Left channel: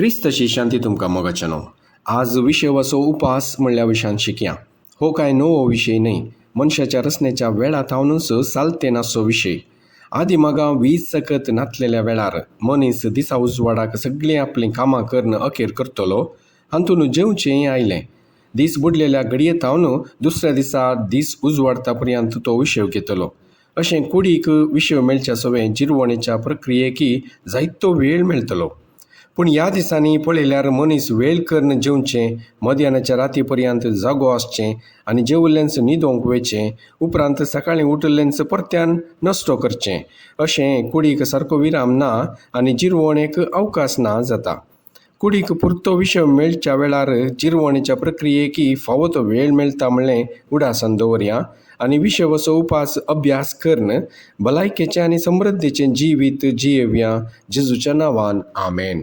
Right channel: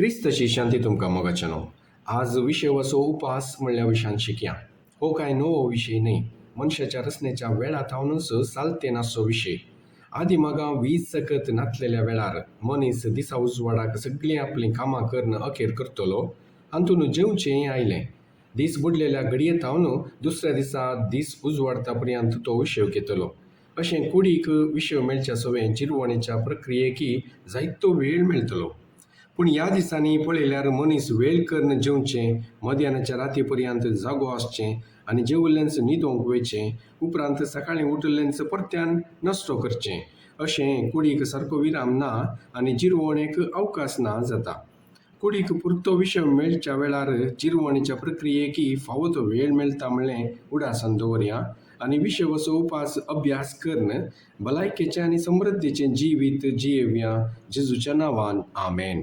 क्रिस्तची शांती तुमकां मोगाचनो. आज विषय वसो उपास म्हणल्या विशयान शिकया. हो काय नवो विषय न्ही, मनशाच्या रचनेच्या वेळा थावनूच सालते नासो विषय. आदी मागा वीज सकत नातलेल्या वेळार मनीस दिसा उजवाडाक सगळीं आपलीं कामां करून अखेर करतलो, हातून जेवचें आयलें. दीस बुडलेल्या घडये थावन दुसऱ्या दिसा दीस उजवाडता पर्यंत तो विषय घेतलो. अशें कुडीक विषय मेळच्या सवें जिरवणेच्या प्रक्रियेकी जायतो वेळ मेळटलो. पूण ह्या दिसांनी पळयल्यार मनीस वेळ करून जेवचें, मध्यानाच्या राती पर्यंत जागो आसचें आनी जेवल्लेंच न्हिदोंक वयचें, उपरांत सकाळीं उठल्लेंच परत्यान नश्टो करचें. अशें कुडीक सारको विराम ना आनी जिरवणेक अवकाश ना जाता. कुडीक पुरतो विषय मेळच्या वेळार जिरवणेच्या प्रक्रियेकी फावो तो वेळ मेळटा म्हणलें उडासान दवरया आनी विषय वसो उपास अभ्यास करून भलायकेचें आनी समृद्धीचें जिवीत जियेवया. जेजूच्या नांवान आमेन.